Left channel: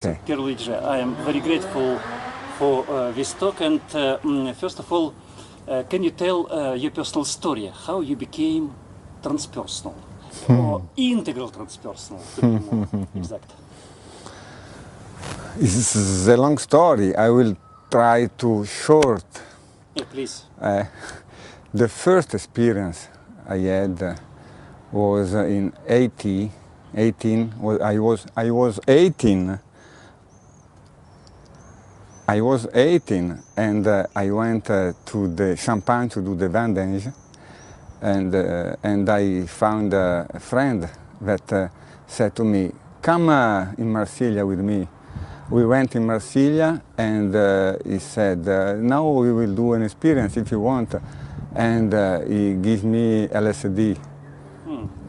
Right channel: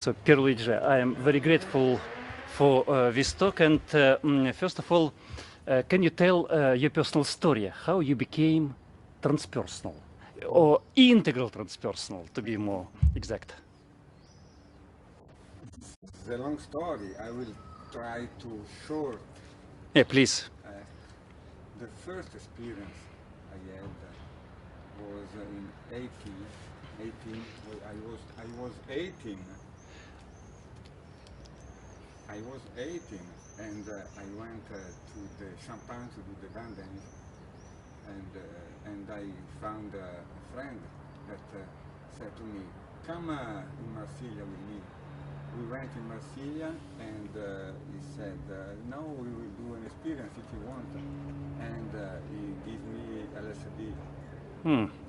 So, Pierluigi, I am very grateful for this talk, and first of all, can you tell your personal story, how you became transpersonal, or integral transpersonal, to be more exact? It's a long story. I will try to short. Yeah, please. The first experience I had was in 18. I was 18. I was 18 and I went to the Champagne to do the vending, and I found a friend that said to me, come in Marsiglia with me. We went in Marsiglia, and he said, now we will do an experience if you want, and he gave me LSD.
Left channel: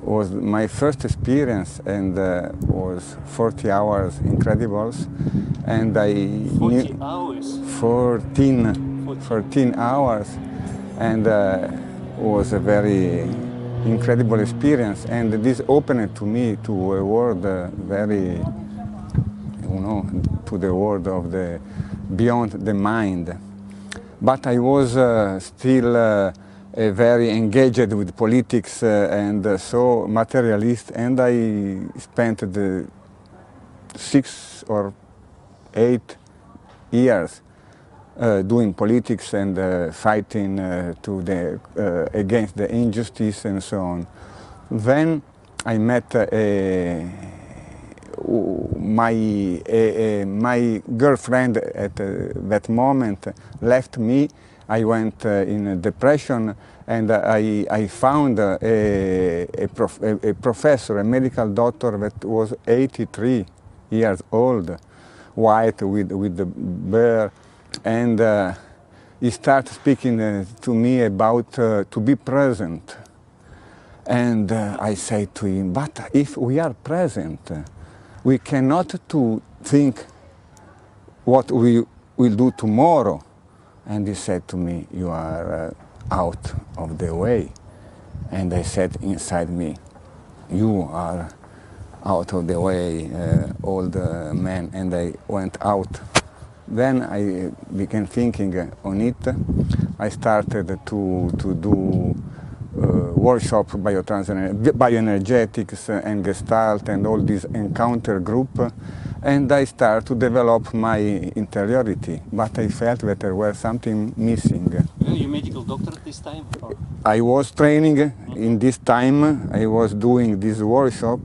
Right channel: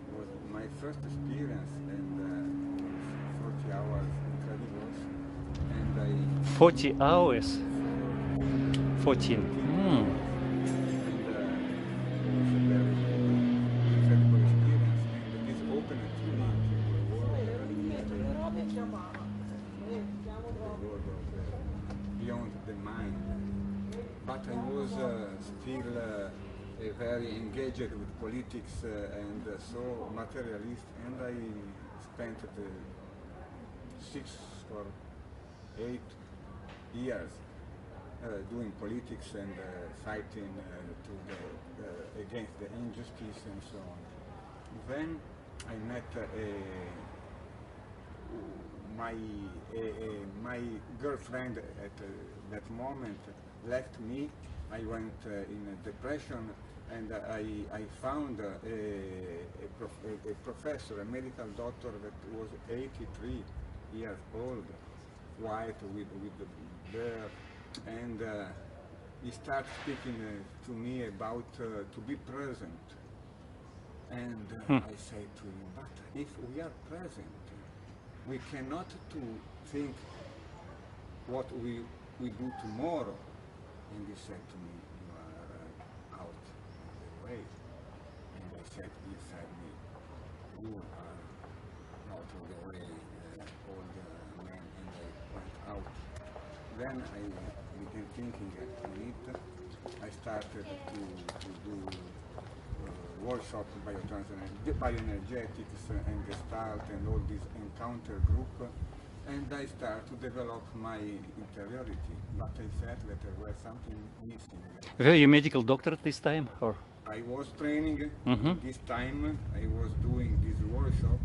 Was my first experience, and was 40 hours incredibles, and I 40 hours? 14 hours, and was a very incredible experience, and this opened to me to a world very, to the world of the beyond the mind. But I was still very engaged with politics and so materialist, and I spent the 6 or 8 years doing politics and fighting against the injustice and so on. Then I met my girlfriend at that moment left me. I went in a depression, and I found a professor, a medical doctor that was 83 years old, white with the beard, and he started speaking to me about to be present. And I say to him, but if we are present, we cannot to think what we will do tomorrow. And he said to me, you are out of the way. And I said inside me, you are out of the way, old man. And I went out. Then I began thinking on it. I started to do workshop, bioenergetics and gestalt and all this encounter group, and I started to develop my interiority, but I felt that there was something missing. Were you a medical doctor at this time? Or? I was training in this time. I was doing this workshop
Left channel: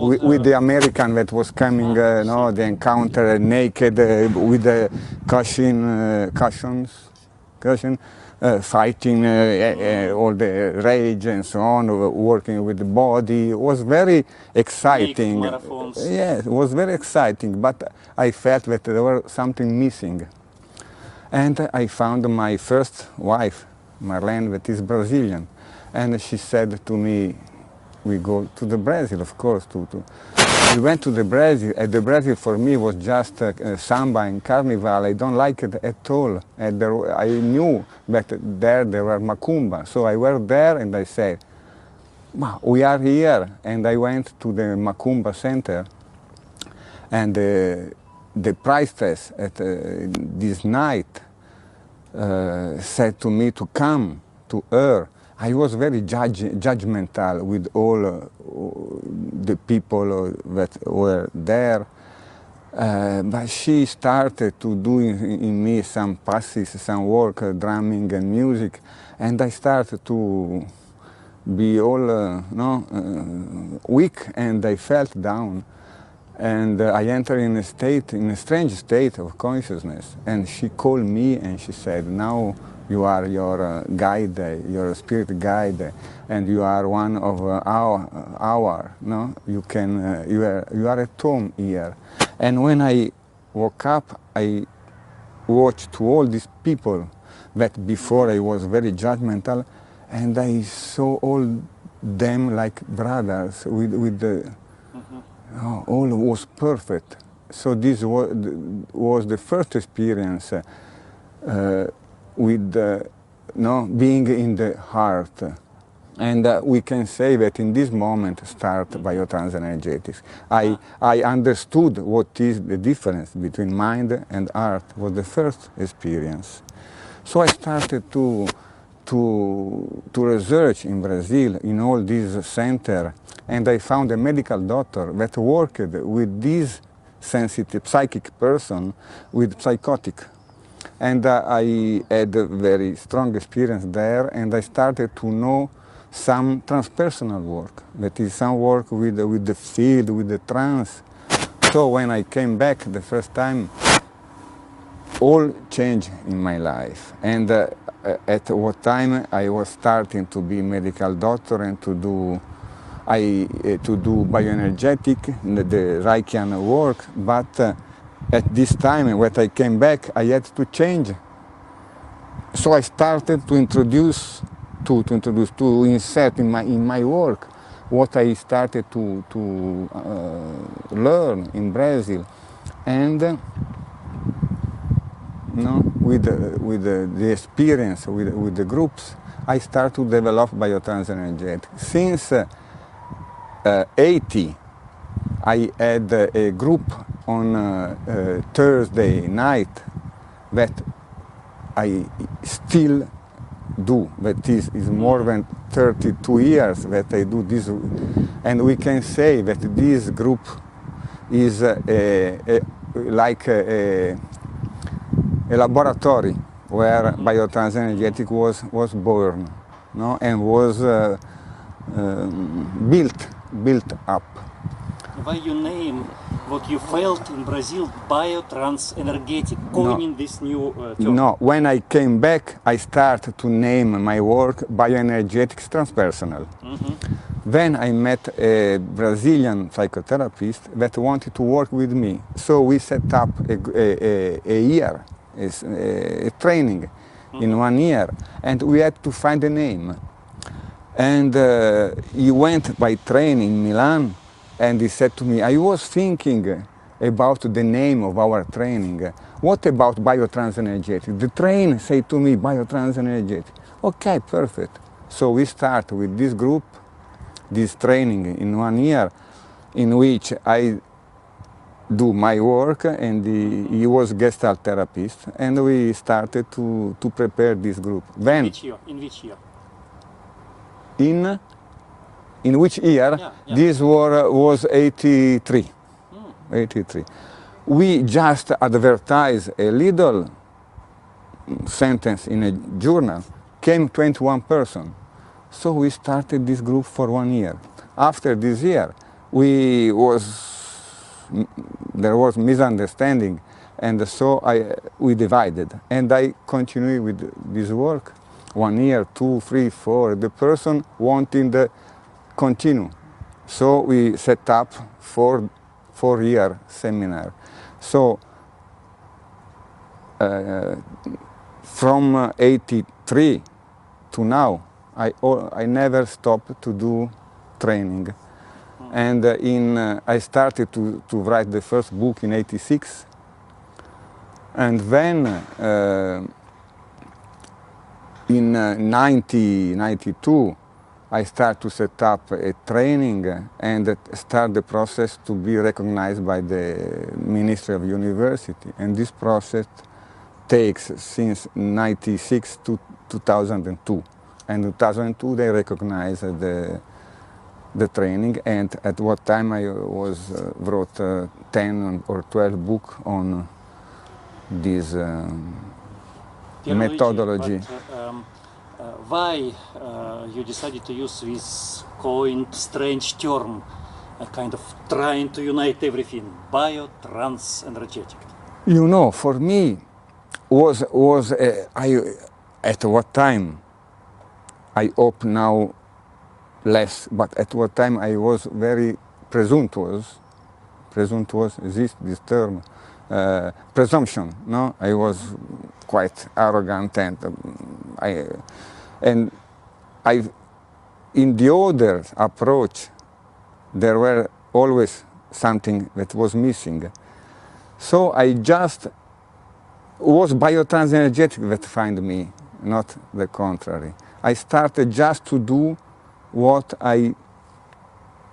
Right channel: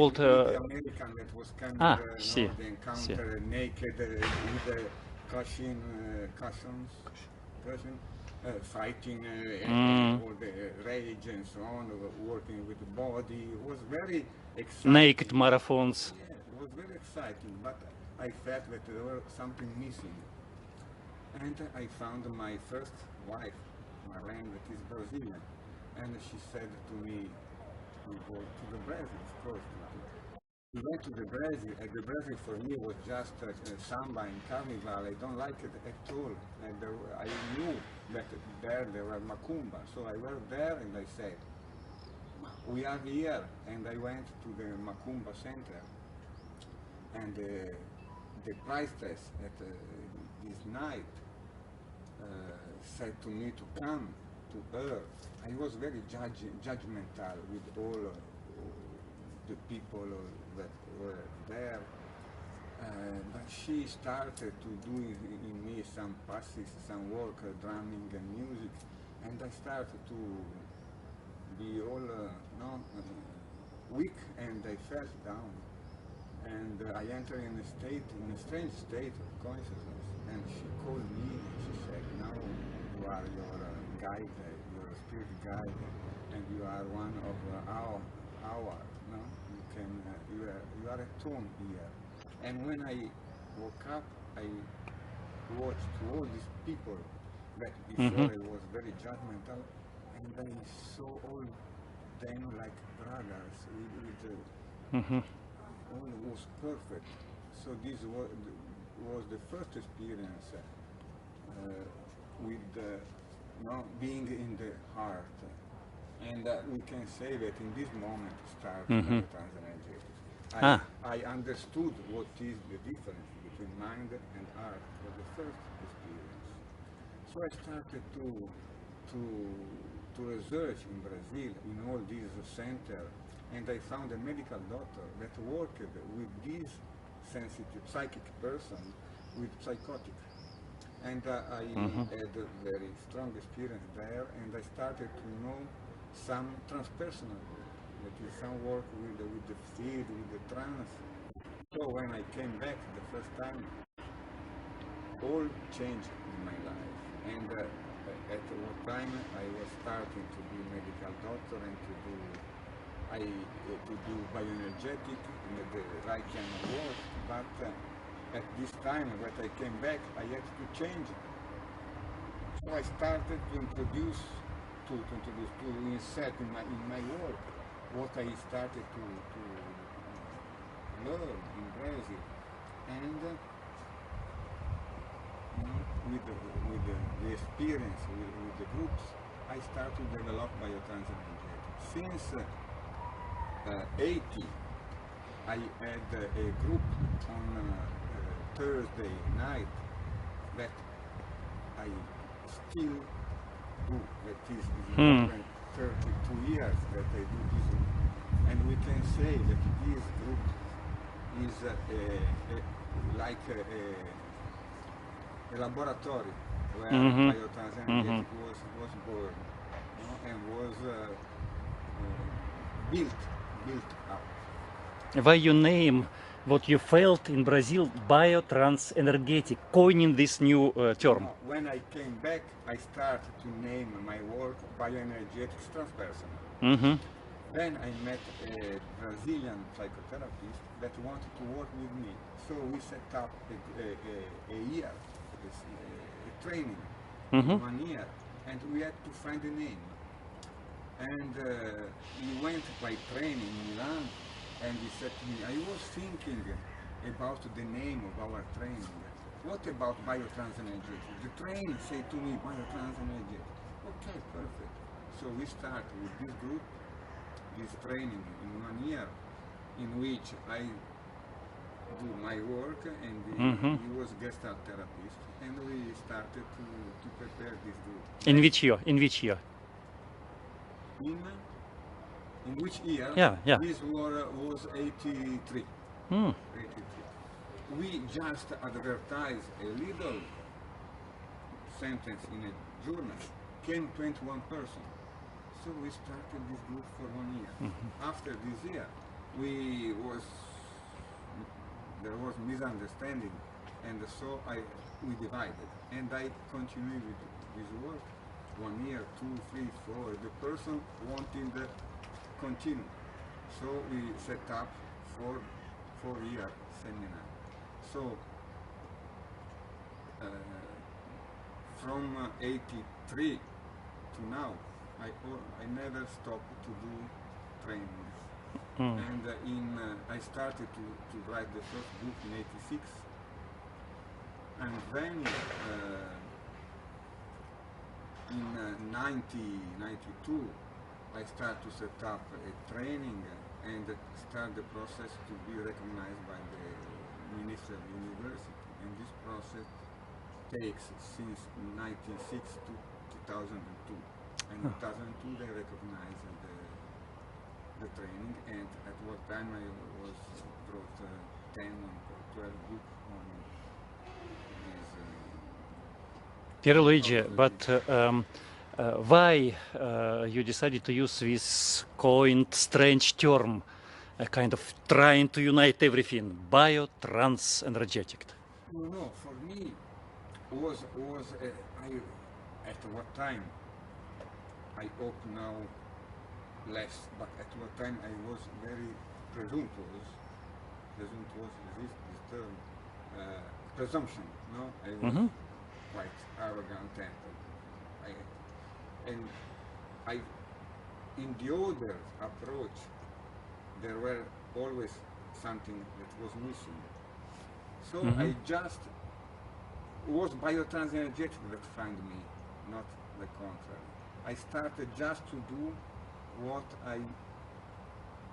with the American that was coming, the encounter naked with the cushion, fighting all the rage and so on, working with the body. It was very exciting. Naked marathons. Yeah, it was very exciting, but I felt that there was something missing. And I found my first wife, Marlene, that is Brazilian. And she said to me, we go to the Brazil, of course. We went to the Brazil, and the Brazil for me was just samba and carnival. I don't like it at all. And I knew that there were macumba. So I went there and I said, wow, we are here. And I went to the macumba center, and the priestess at this night said to me to come to her. I was very judgmental with all the people that were there, but she started to do in me some passes, some work, drumming and music, and I started to be all weak, and I felt down, and I entered in a strange state of consciousness, and she called me and she said, now you are your guide, your spirit guide, and you are one of our you are at home here. And when I woke up, I watched to all these people that before I was very judgmental, and I saw all them like brothers with the all was perfect. So this was the first experience with being in the heart. And we can say that in this moment start Biotransenergetics. I understood what is the difference between mind and art, was the first experience. So I started to research in Brazil, in all these centers, and I found a medical doctor that worked with this sensitive, psychic person with psychotic. And I had a very strong experience there, and I started to know some transpersonal work, that is some work with the field, with the trance. So when I came back the first time, all changed in my life. And at what time I was starting to be medical doctor and to do bioenergetic, the Reichian work, but at this time when I came back, I had to change. So I started to introduce, to insert in my work what I started to learn in Brazil, and with the experience with the groups, I started to develop Biotransenergetics. Since 80, I had a group on Thursday night that I still do. That is more than 32 years that I do this. And we can say that this group is like a laboratory where Biotransenergetics was born, no? And was built up. Why you name what you felt in Brazil Biotransenergetic, coining this new term? No, when I came back, I started to name my work Bioenergetics Transpersonal. Then I met a Brazilian psychotherapist that wanted to work with me. So we set up a year, a training in 1 year, and we had to find a name. And he went by train in Milan, and he said to me, I was thinking about the name of our training. What about Biotransenergetics? The train said to me, Biotransenergetics. Okay, perfect. So we start with this group, this training in 1 year, in which I do my work, and he was Gestalt therapist, and we started to prepare this group. Then, in which year? In which year? In which year? Yeah. This was 83. 83. We just advertised a little sentence in a journal, came 21 persons. So we started this group for 1 year. After this year, there was misunderstanding, and so we divided. And I continued with this work, 1 year, 2, 3, 4. The person wanting to continue. So we set up four-year seminar. So from 83 to now, I never stopped to do training. And I started to write the first book in 86. And then in 92, I started to set up a training and start the process to be recognized by the Ministry of University. And this process takes since 96 to 2002. And in 2002, they recognized the training, and at what time I wrote 10 or 12 books on this methodology. But why you decided to use this coined strange term, kind of trying to unite everything, Biotransenergetic? You know, for me, at what time, I hope now less, but at what time I was very presumptuous exists this term, presumption, no? I was quite arrogant, and in the other approach, there were always something that was missing. So I just was Biotransenergetic that found me, not the contrary. I started just to do what I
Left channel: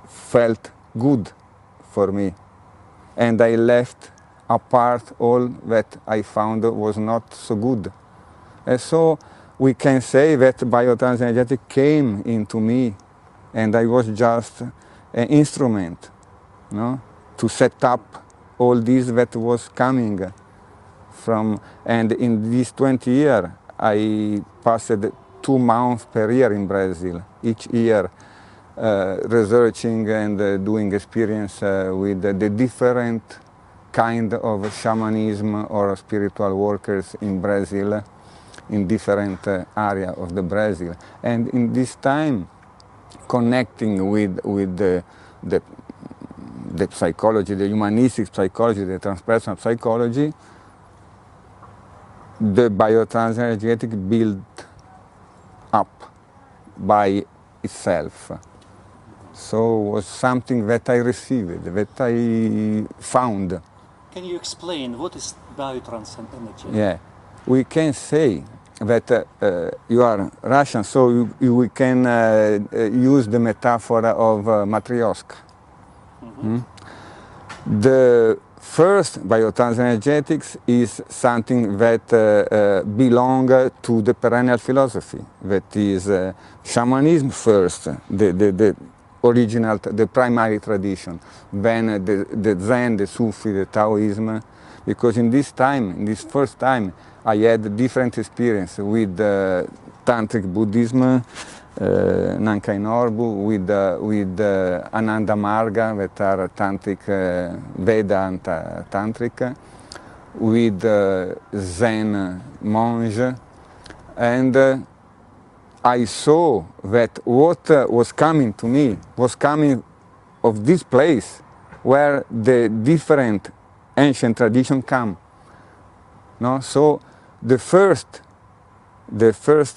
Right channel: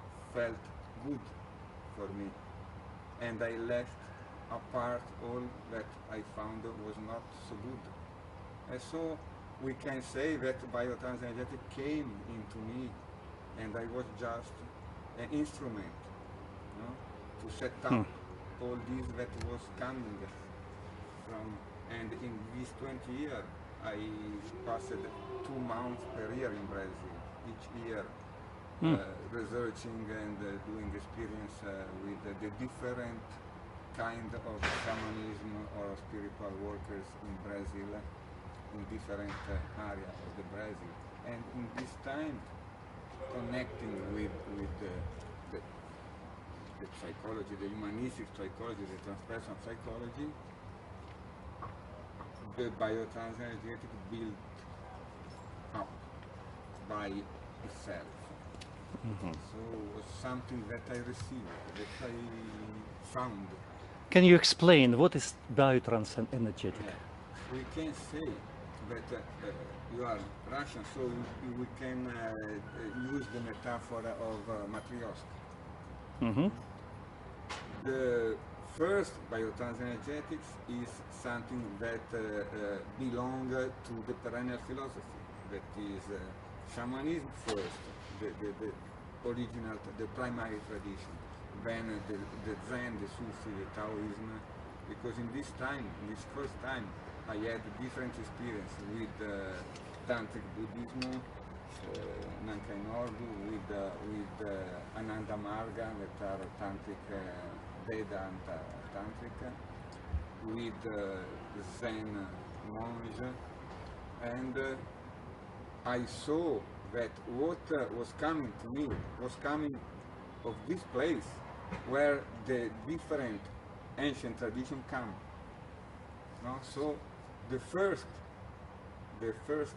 felt good for me. And I left apart all that I found was not so good. And so we can say that Biotransenergetics came into me, and I was just an instrument, no, to set up all this that was coming from. And in these 20 years, I passed 2 months per year in Brazil, each year, researching and doing experience with the different kind of shamanism or spiritual workers in Brazil, in different area of the Brazil. And in this time, connecting with the psychology, the humanistic psychology, the transpersonal psychology, the Biotransenergetics built up by itself. So it was something that I received, that I found. Can you explain what is Biotransenergetics? Yeah, we can say that you are Russian, so we can use the metaphor of Matryoshka. The first Biotransenergetics is something that belongs to the perennial philosophy, that is shamanism first, the original, the primary tradition, then the Zen, the Sufi, the Taoism, because in this time, in this first time, I had different experience with Tantric Buddhism, Nankai Norbu, with Ananda Marga, that are Tantric, Vedanta Tantric, with Zen monge, and I saw that what was coming to me was coming of this place where the different ancient traditions come. No? So the first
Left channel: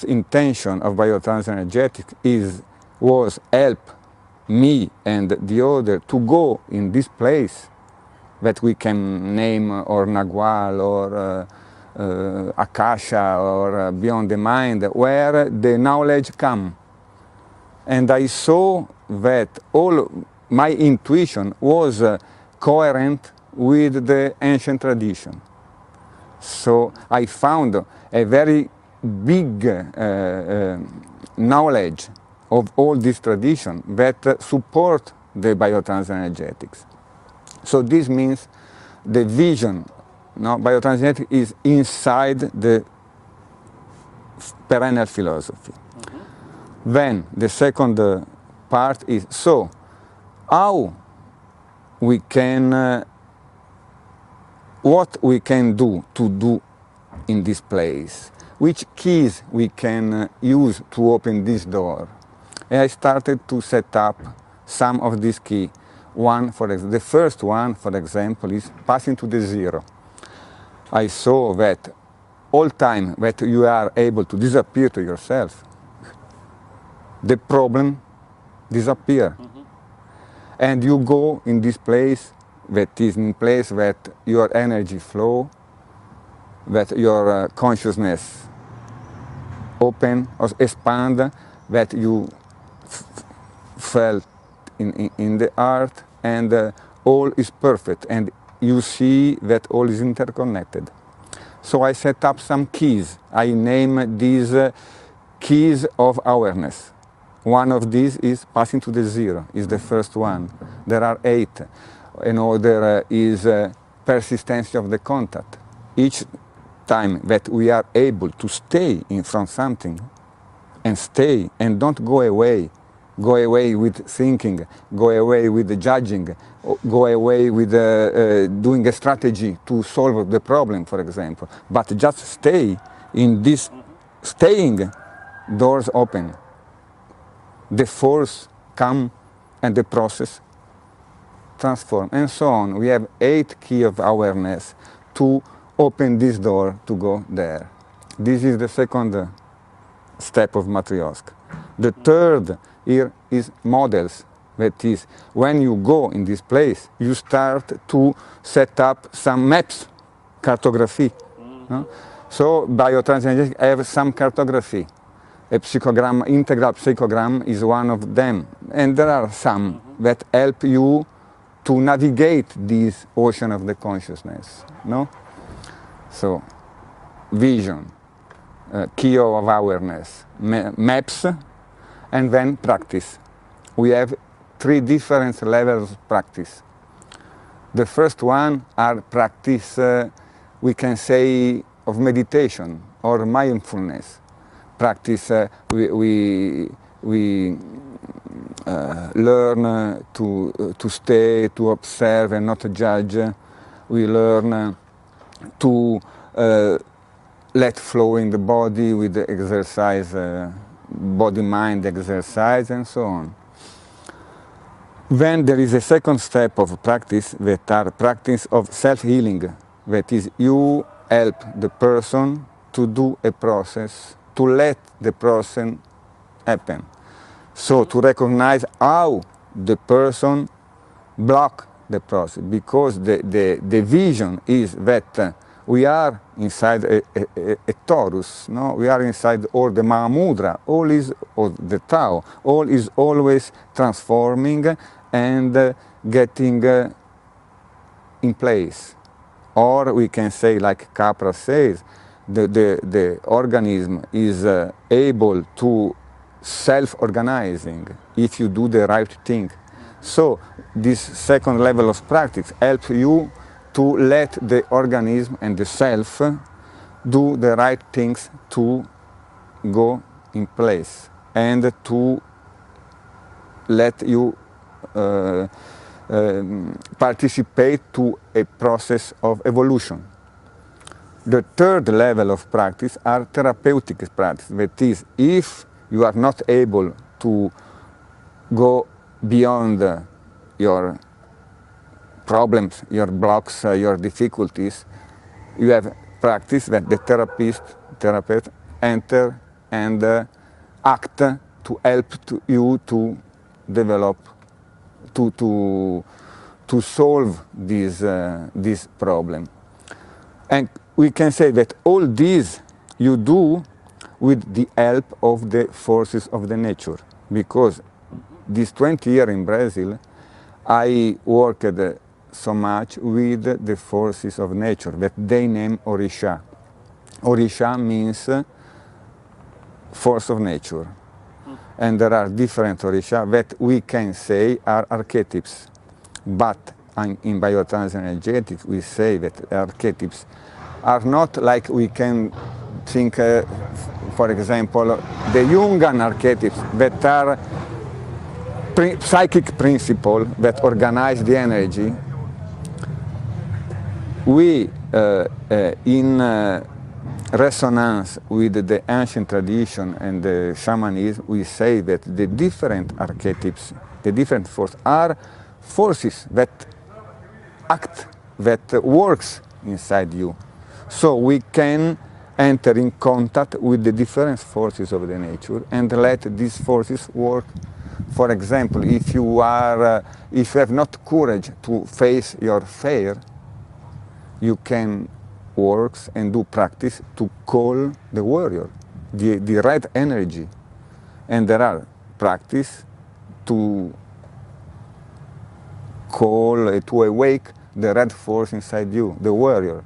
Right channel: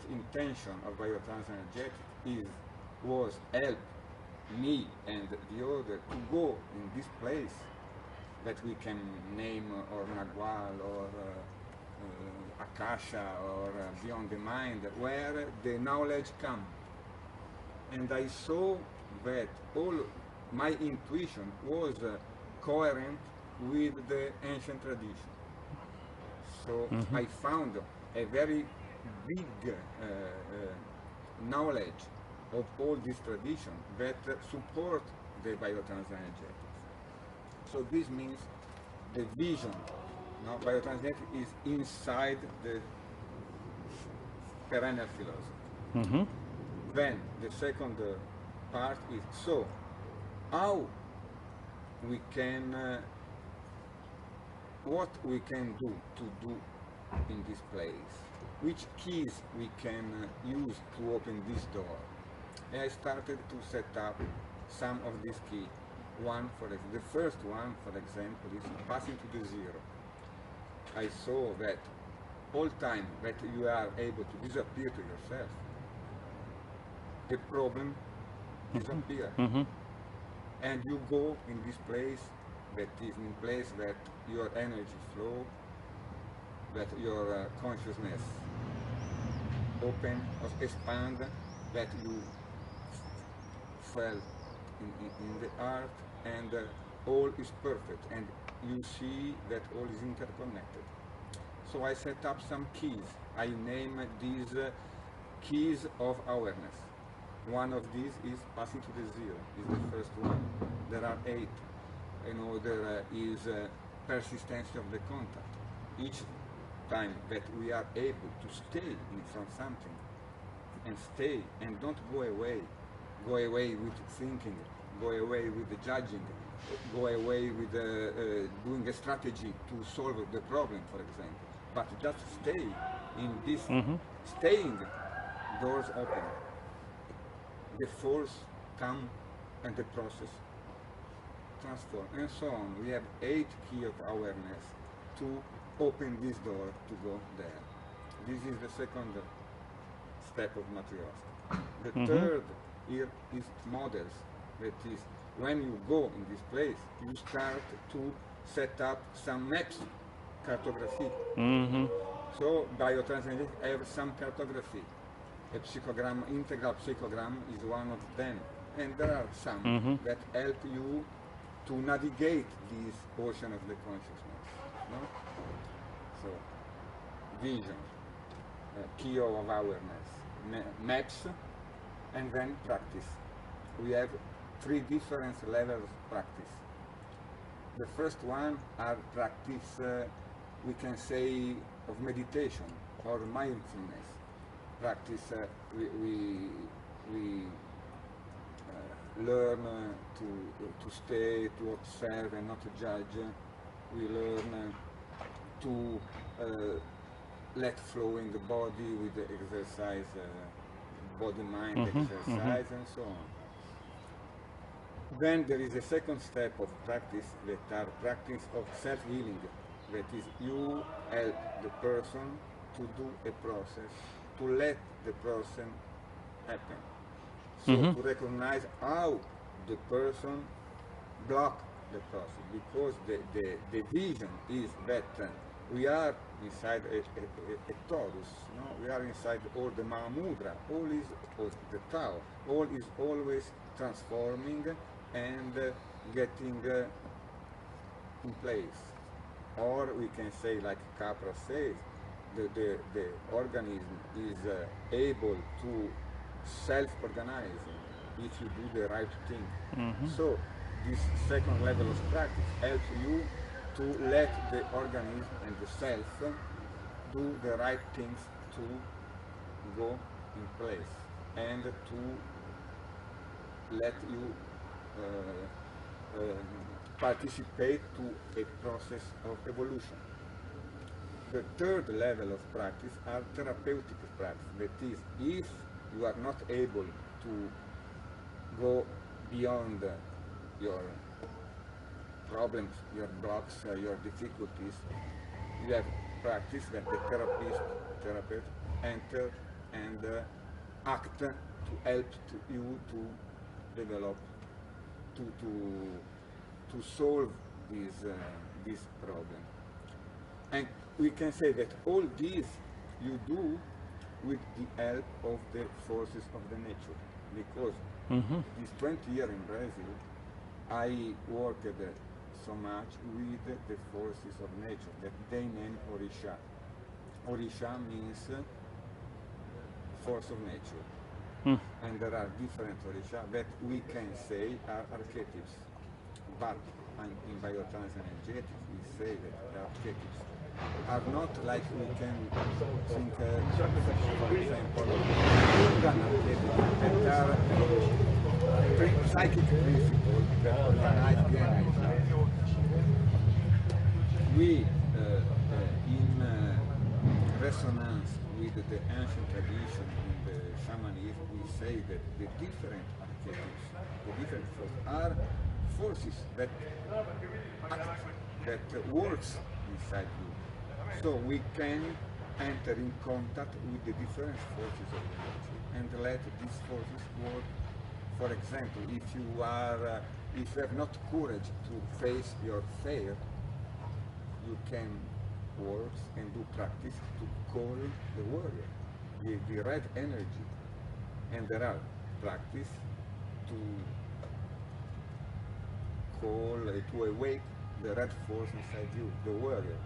intention of Biotransenergetics was help me and the other to go in this place that we can name or Nagual or Akasha or Beyond the Mind, where the knowledge comes. And I saw that all my intuition was coherent with the ancient tradition. So I found a very big knowledge of all this tradition that support the Biotransenergetics. So this means the vision. No, Biotransenergetics is inside the perennial philosophy. Then the second part is, so how we can, what we can do to do in this place, which keys we can use to open this door. And I started to set up some of these keys. One, the first one, for example, is passing to the zero. I saw that all time that you are able to disappear to yourself, the problem disappears. And you go in this place that is in place that your energy flow, that your consciousness open or expand, that you felt in the art, and all is perfect. And you see that all is interconnected. So I set up some keys. I name these keys of awareness. One of these is passing to the zero, is the first one. There are 8. Another is persistence of the contact. Each time that we are able to stay in front of something and stay and don't go away with thinking, go away with judging, go away with doing a strategy to solve the problem, for example, but just stay in this staying, doors open. The force come and the process transform, and so on. We have 8 keys of awareness to open this door to go there. This is the second step of Matryoshka. The third here is models. That is, when you go in this place, you start to set up some maps, cartography. So Biotransenergetics have some cartography. A psychogram, integral psychogram is one of them. And there are some that help you to navigate this ocean of the consciousness, no? So, vision, key of awareness, maps, and then practice. We have 3 different levels of practice. The first one are practice, we can say, of meditation or mindfulness. Practice, we learn to stay, to observe and not judge. We learn to let flow in the body with the exercise, body-mind exercise, and so on. Then there is a second step of practice that are practice of self-healing. That is, you help the person to do a process, to let the process happen. So to recognize how the person block the process, because the vision is that we are inside a torus, no? We are inside all the Mahamudra, all is, or the Tao, all is always transforming and getting in place. Or we can say, like Capra says, the organism is able to self-organizing if you do the right thing. So this second level of practice helps you to let the organism and the self do the right things to go in place and to let you participate to a process of evolution. The third level of practice are therapeutic practice. That is, if you are not able to go beyond your problems, your blocks, your difficulties, you have practice that the therapist enter and act to help you to develop, to solve this problem. And we can say that all this you do with the help of the forces of the nature, because this 20 years in Brazil, I worked so much with the forces of nature that they name Orisha. Orisha means force of nature. And there are different Orisha that we can say are archetypes. But in Biotransenergetics, we say that archetypes are not like we can think, for example, the Jungian archetypes that are psychic principles that organize the energy. We, in resonance with the ancient tradition and the shamanism, we say that the different archetypes, the different forces, are forces that act, that works inside you. So we can enter in contact with the different forces of the nature and let these forces work. For example, if you have not courage to face your fear, you can work and do practice to call the warrior, the right energy. And there are practice to call, to awake the red force inside you, the warrior.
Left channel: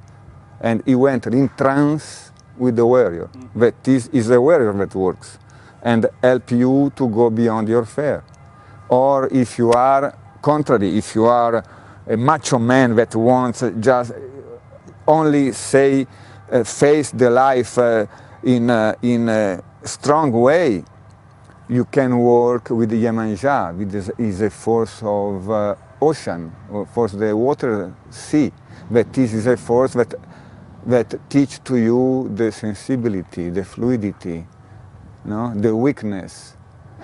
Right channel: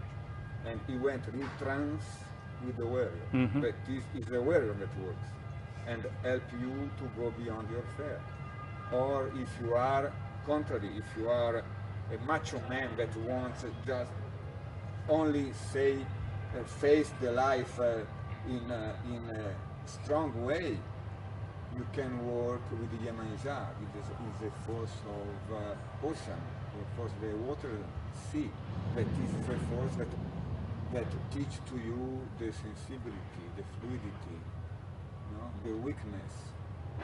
And you enter in trance with the warrior. That is the warrior that works and help you to go beyond your fear. Or if you are contrary, if you are a macho man that wants just only say, face the life in a strong way, you can work with the Yemanja, which is a force of ocean, or force of the water, sea. That is a force that teach to you the sensibility, the fluidity, no? The weakness.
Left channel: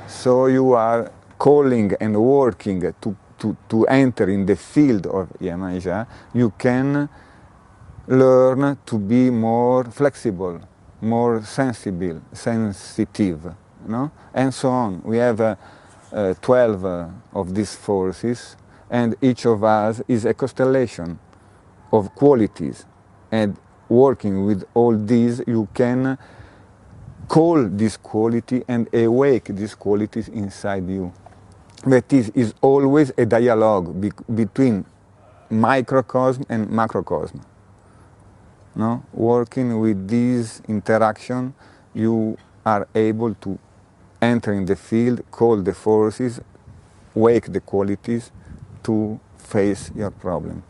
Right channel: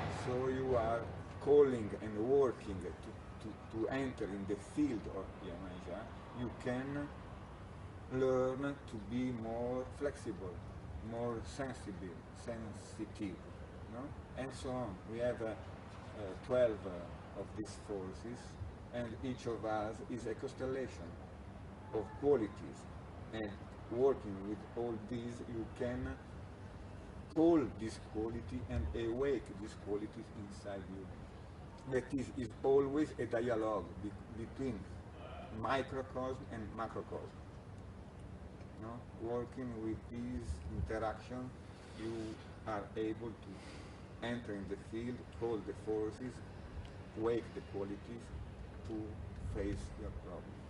So you are calling and working to enter in the field of Yemanja. You can learn to be more flexible, more sensitive, no? And so on. We have 12 of these forces, and each of us is a constellation of qualities. And working with all these, you can call this quality and awake these qualities inside you. That is always a dialogue between microcosm and macrocosm. No? Working with this interaction, you are able to enter in the field, call the forces, wake the qualities to face your problem.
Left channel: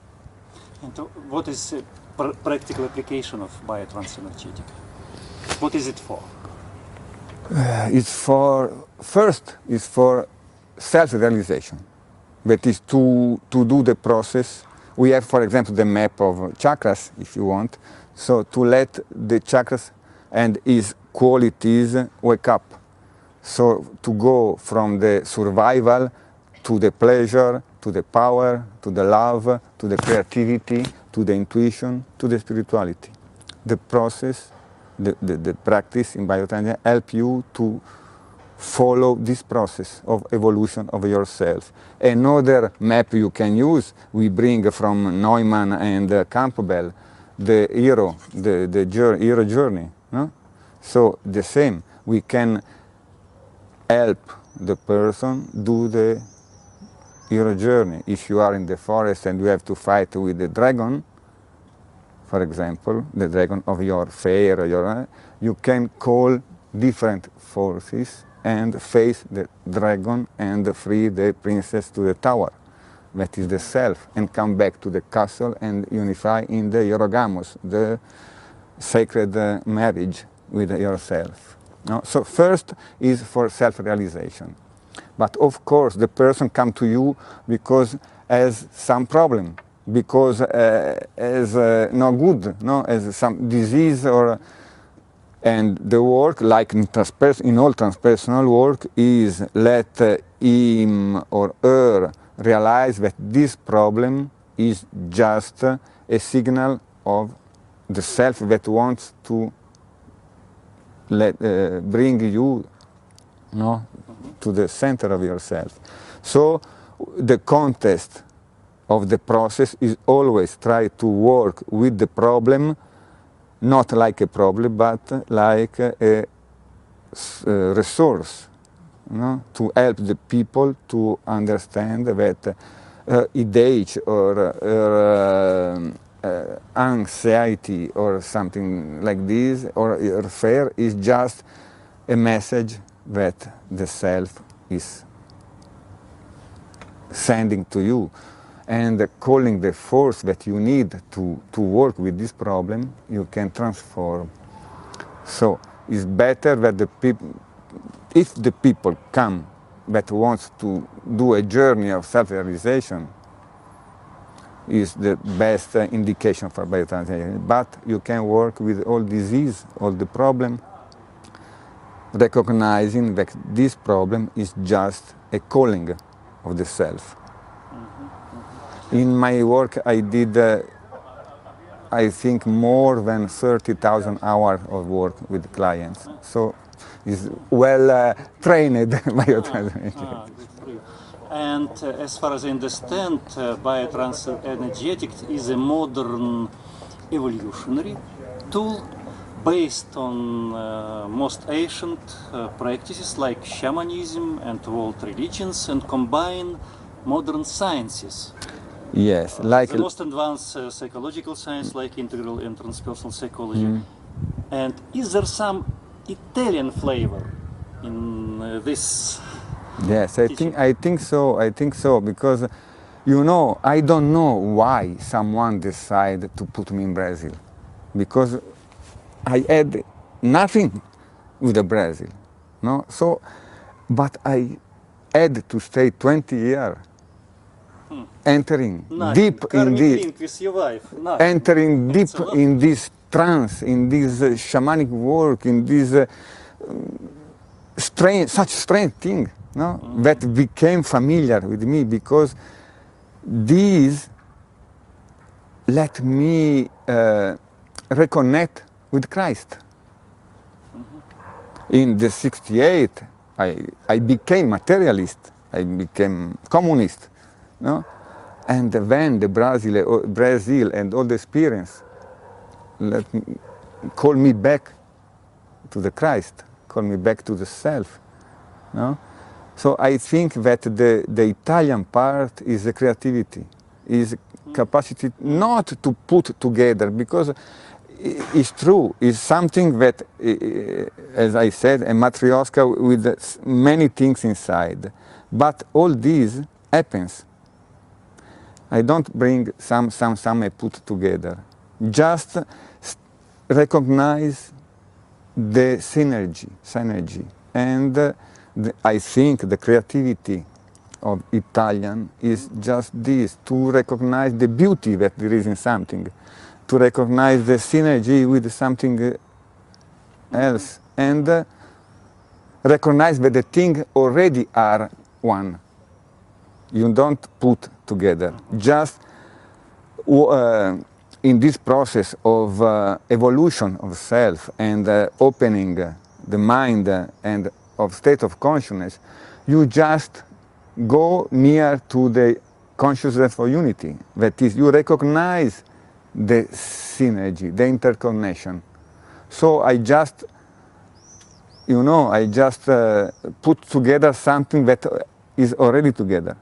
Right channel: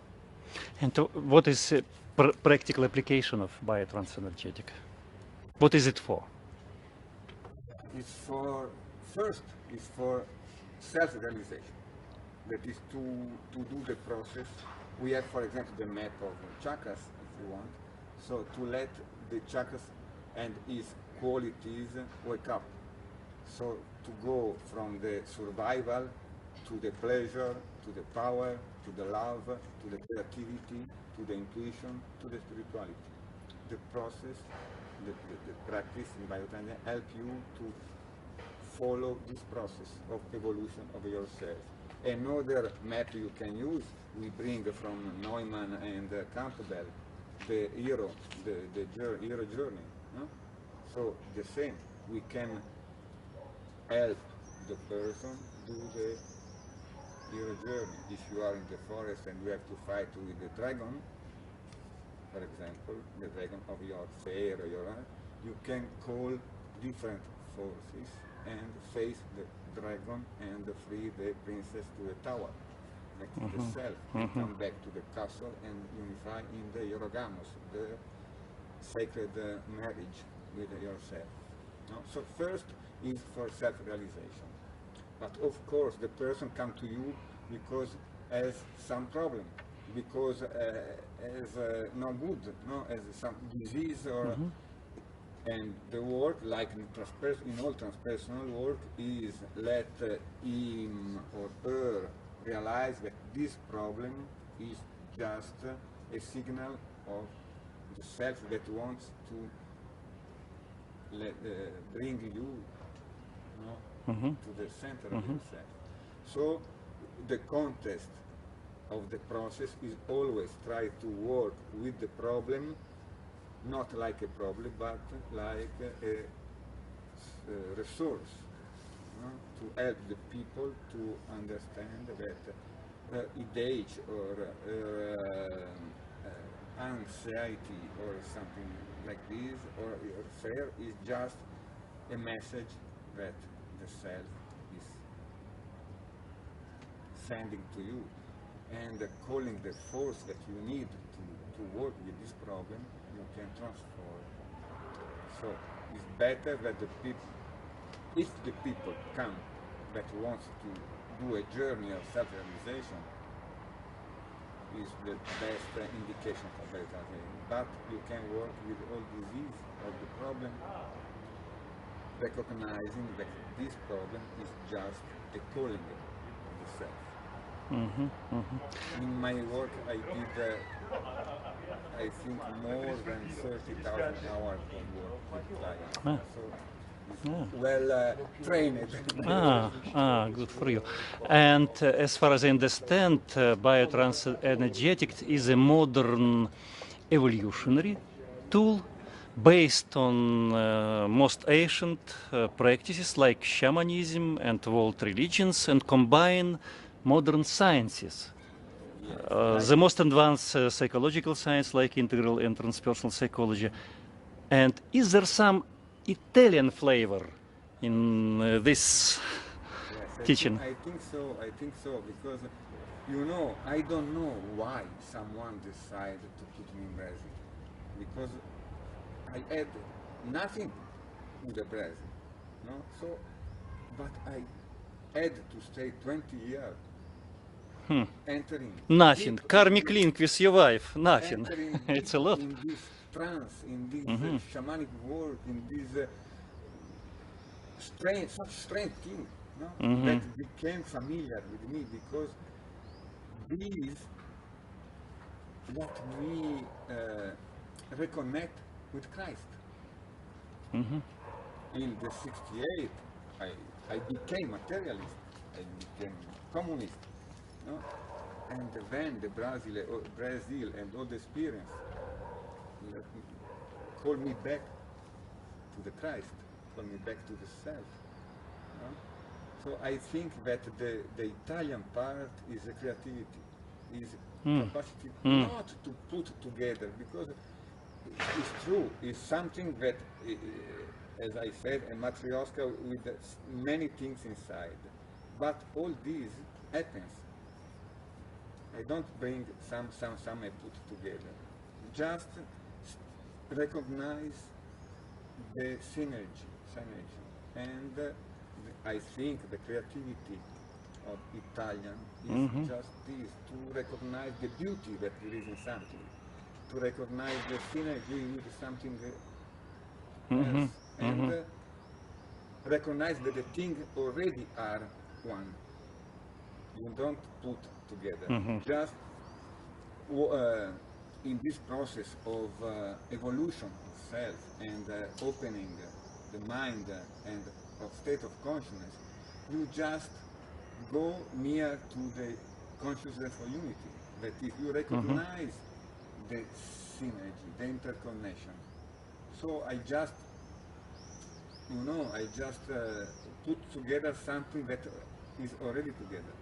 And what is a practical application of Biotransenergetic? What is it for? First, it's for self-realization. That is to do the process. We have, for example, the map of chakras, if you want. So to let the chakras and its qualities wake up. So to go from the survival to the pleasure, to the power, to the love, to the creativity, to the intuition, to the spirituality. The process, the practice in Biotransenergetics help you to follow this process of evolution of yourself. Another map you can use, we bring from Neumann and Campbell, the hero, the hero journey. No? So the same, we can help the person do the hero journey. If you are in the forest and you have to fight with the dragon, for example, the dragon of your fair, you can call different forces and face the dragon and free the princess to the tower. That is the self, and come back to the castle and unify in the Eurogamos, the sacred marriage with yourself. No? So first is for self-realization. But of course, the person comes to you because has some problem, because has no good, no, has some disease or. And the work, like in all transpersonal work, is let him or her realize that this problem is just a signal of the self that wants to bring you, no, to the center of yourself. So the contest of the process is always try to work with the problem, not like a problem, but like a resource, no? To help the people to understand that age or anxiety or something like this, or fear, is just a message that the self is sending to you. And calling the force that you need to work with this problem, you can transform. So it's better that the people, if the people come that wants to do a journey of self-realization, is the best indication for Biotransenergetics. But you can work with all disease, all the problem, recognizing that this problem is just a calling of the self. In my work, I did, I think, more than 30,000 hours of work with clients. So it's well trained Biotransenergetics. Good for you. And as far as I understand, Biotransenergetics is a modern evolutionary tool based on most ancient practices like shamanism and world religions, and combine modern sciences. Yes, like the most advanced psychological science like integral and transpersonal psychology. And is there some Italian flavor in this? Yes, teaching? I think so, because, you know, I don't know why someone decided to put me in Brazil, because I had nothing with the Brazil, no? So, but I had to stay 20 years, entering deep Karmic in link with your wife. Nothing. entering deep in this trance, in this shamanic work, in this such strange thing, no? That became familiar with me, because these let me reconnect with Christ. In the 68, I became materialist, I became communist, no? And then the Brazil and all the experience called me back to the Christ, call me back to the self. No? So I think that the Italian part is the creativity, is capacity not to put together, because it's true, it's something that, as I said, a matryoshka with many things inside. But all this happens. I don't bring some I put together. Just recognize the synergy. And I think the creativity of Italian is just this, to recognize the beauty that there is in something, to recognize the synergy with something else, and recognize that the things already are one. You don't put together. Just in this process of evolution of self and opening the mind and of state of consciousness, you just go near to the consciousness for unity. That is, you recognize the synergy, the interconnection. So I just, put together something that is already together.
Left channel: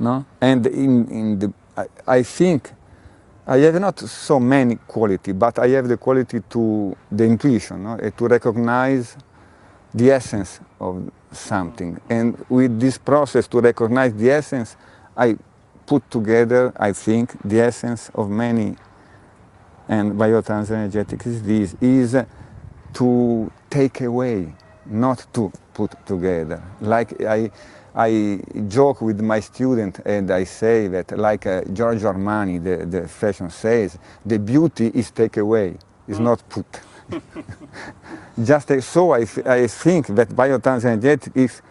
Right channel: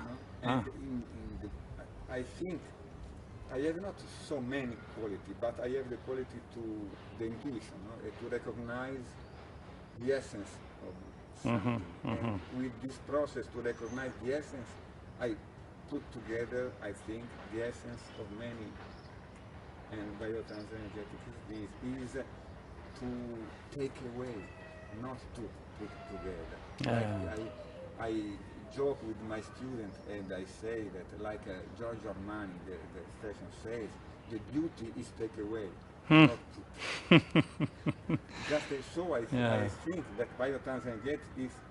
No? And I think I have not so many qualities, but I have the quality to the intuition, no? To recognize the essence of something. And with this process to recognize the essence, I put together, I think, the essence of many. And Biotransenergetics is this, is to take away, not to put together. Like I joke with my student and I say that, like Giorgio Armani, the fashion says, the beauty is take away, is not put. Just so I think that Biotransenergetics is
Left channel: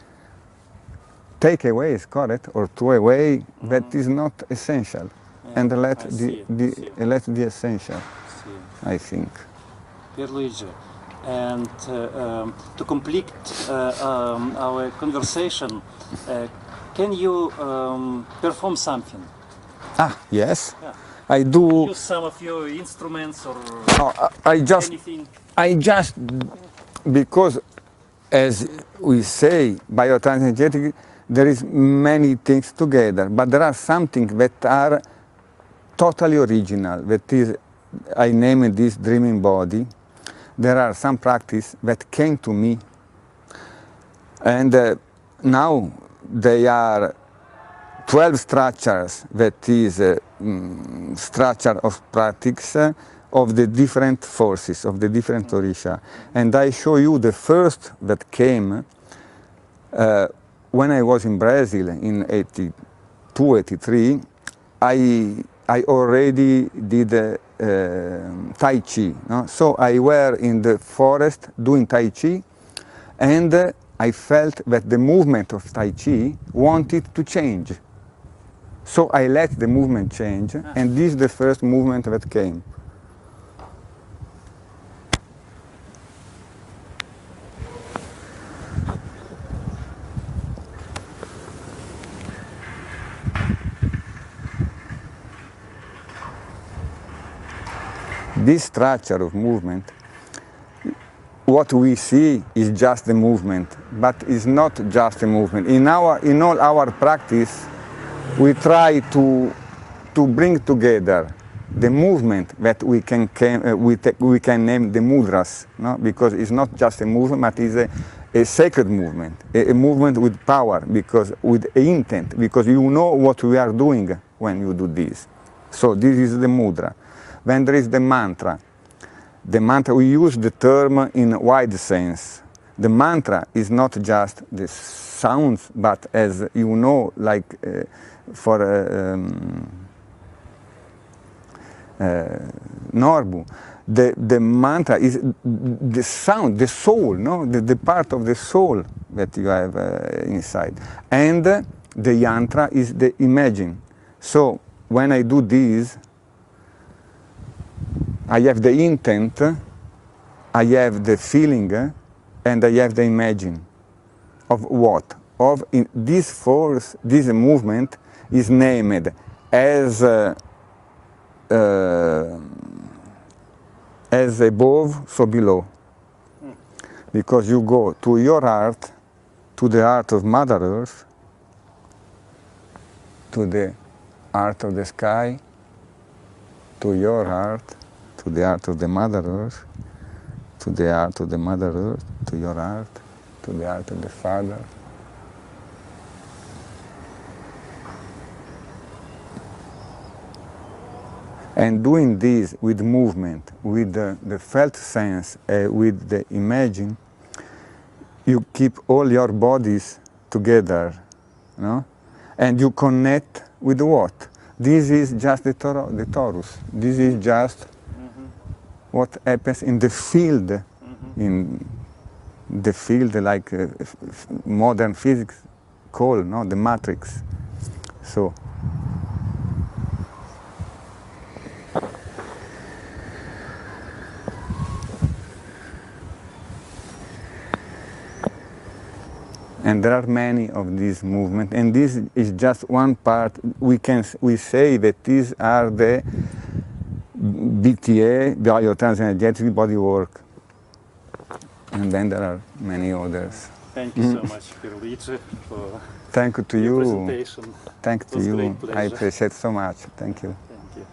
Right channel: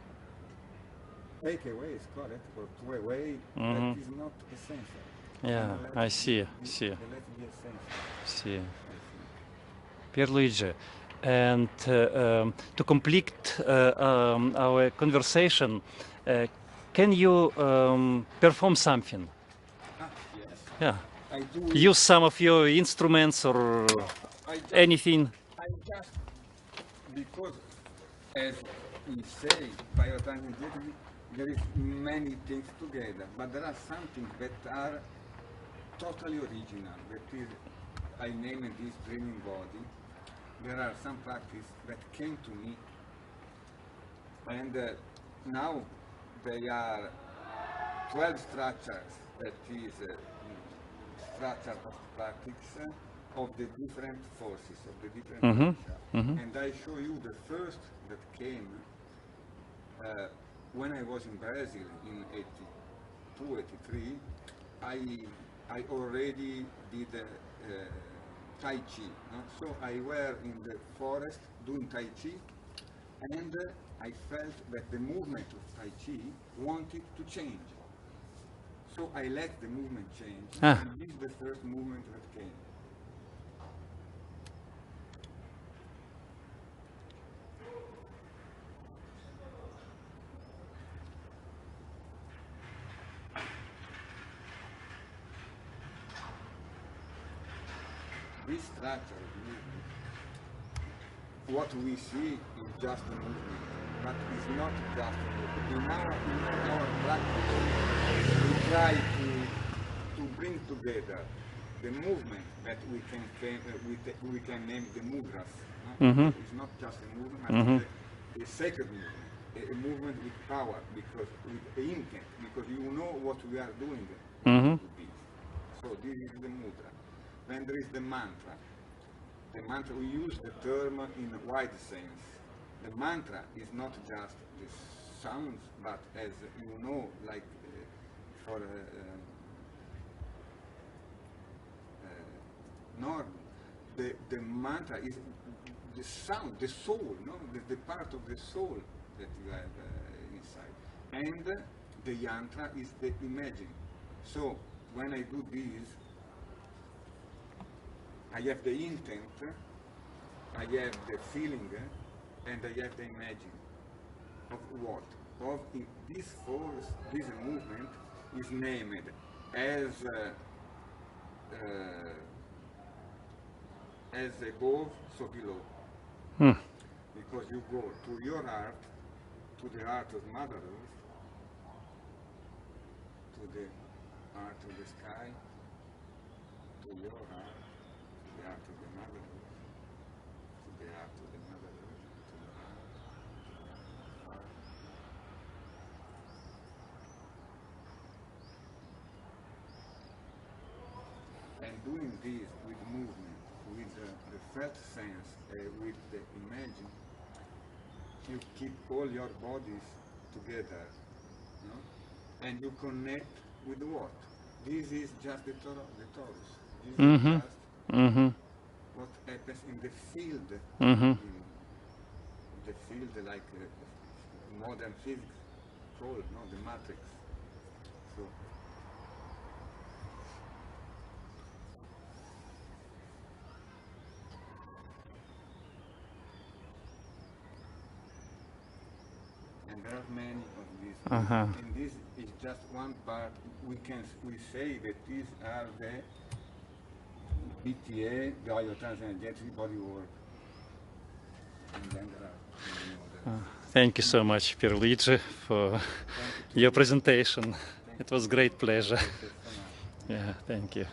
take away, is correct, or throw away, that is not essential. And let the essential, I think. Pierluigi, and to complete our conversation, can you perform something? Yes. Yeah. I do. Use some of your instruments or anything? I just, because as we say, Biotransenergetics, there is many things together, but there are some things that are totally original. That is, I name this dreaming body. There are some practice that came to me, and now they are 12 structures, that is structure of practice of the different forces, of the different Orisha. And I show you the first that came when I was in Brazil in 82, 83. I already did Tai Chi. No? So I were in the forest doing Tai Chi, and I felt that the movement of Tai Chi wanted to change. So I let the movement change, and this is the first movement that came. This structure of movement, what we see is just the movement, but it's not just a movement. In all our practice, we try to bring together the movement that we can name the mudras, no? Because it's not just a movement, but it's a sacred movement, a movement with power, because with intent, because you know what we are doing when you do this. So this is the mudra. Then there is the mantra. The mantra, we use the term in wide sense. The mantra is not just the sounds, but as you know, like for Norbu, the mantra is the sound, the soul, no? The part of the soul that you have inside. And the yantra is the imagine. So when I do this, I have the intent, I have the feeling, and I have the imagine. Of what? Of this force, this movement is named as above, so below. Because you go to your art, to the art of Mother Earth, to the art of the sky, to your art, to the art of the Mother Earth, to the art of the Mother Earth, to your art, to the art of the Father. And doing this with movement, with the felt sense, with the imaging, you keep all your bodies together, no? And you connect with what? This is just the torus. This is just what happens in the field, in the field like modern physics call, no? The matrix. So. And there are many of these movements, and this is just one part. We say that these are the BTA, Biotransenergetics body work, and then there are many others. Thank you so much, Pierluigi, for Thank you to your you. presentation. Thank It was you. great pleasure. I appreciate so much. Thank you. Thank you.